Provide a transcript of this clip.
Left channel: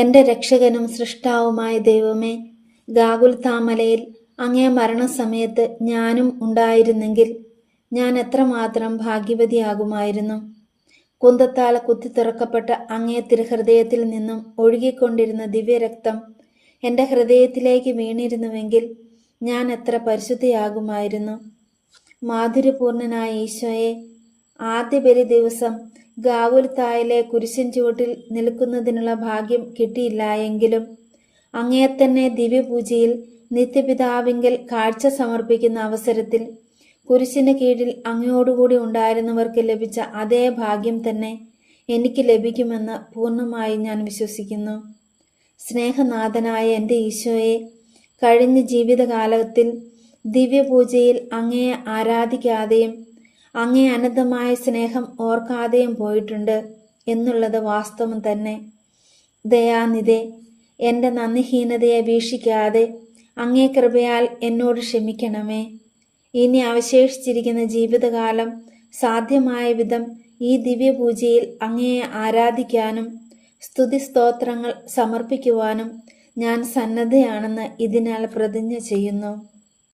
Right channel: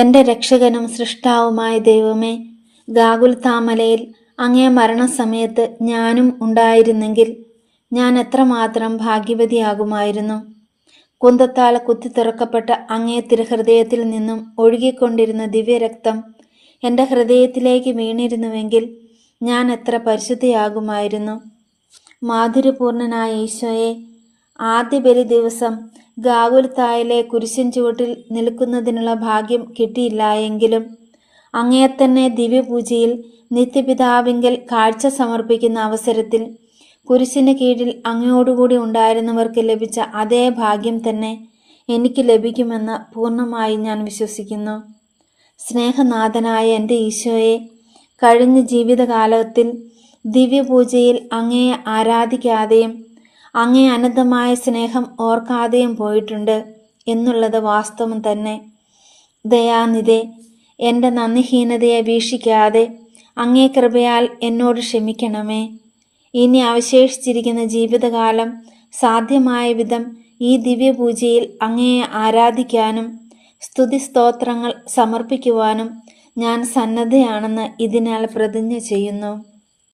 എൻ്റെ രക്ഷകനും സൃഷ്ടാവുമായ ദൈവമേ, ഗാഗുൽത്താമലയിൽ അങ്ങേ മരണസമയത്ത് ഞാനും ഉണ്ടായിരുന്നെങ്കിൽ ഞാൻ എത്രമാത്രം ഭാഗ്യവതിയാകുമായിരുന്നു. കുന്തത്താൽ കുത്തിത്തുറക്കപ്പെട്ട അങ്ങേ തിരുഹൃദയത്തിൽ നിന്നും ഒഴുകിക്കൊണ്ടിരുന്ന ദിവ്യരക്തം എൻ്റെ ഹൃദയത്തിലേക്ക് വീണിരുന്നുവെങ്കിൽ ഞാൻ എത്ര പരിശുദ്ധിയാകുമായിരുന്നു. മാധുര്യപൂർണനായ ഈശോയെ, ആദ്യ ബലി ദിവസം ഗാഗുൽത്തായിലെ കുരിശിൻ ചുവട്ടിൽ നിൽക്കുന്നതിനുള്ള ഭാഗ്യം കിട്ടിയില്ലായെങ്കിലും അങ്ങയെ തന്നെ ദിവ്യപൂജയിൽ നിത്യപിതാവിങ്കൽ കാഴ്ച സമർപ്പിക്കുന്ന അവസരത്തിൽ കുരിശിന് കീഴിൽ അങ്ങയോടുകൂടി ഉണ്ടായിരുന്നവർക്ക് ലഭിച്ച അതേ ഭാഗ്യം തന്നെ എനിക്ക് ലഭിക്കുമെന്ന് പൂർണ്ണമായി ഞാൻ വിശ്വസിക്കുന്നു. സ്നേഹനാഥനായ എൻ്റെ ഈശോയെ, കഴിഞ്ഞ ജീവിതകാലത്തിൽ ദിവ്യപൂജയിൽ അങ്ങയെ ആരാധിക്കാതെയും അങ്ങേ അനന്തമായ സ്നേഹം ഓർക്കാതെയും പോയിട്ടുണ്ട് എന്നുള്ളത് വാസ്തവം തന്നെ. ദയാനിധേ, എൻ്റെ നന്ദിഹീനതയെ വീക്ഷിക്കാതെ അങ്ങേ കൃപയാൽ എന്നോട് ക്ഷമിക്കണമേ. ഇനി അവശേഷിച്ചിരിക്കുന്ന ജീവിതകാലം സാധ്യമായ വിധം ഈ ദിവ്യപൂജയിൽ അങ്ങയെ ആരാധിക്കാനും സ്തുതിസ്തോത്രങ്ങൾ സമർപ്പിക്കുവാനും ഞാൻ സന്നദ്ധയാണെന്ന് ഇതിനാൽ പ്രതിജ്ഞ ചെയ്യുന്നു.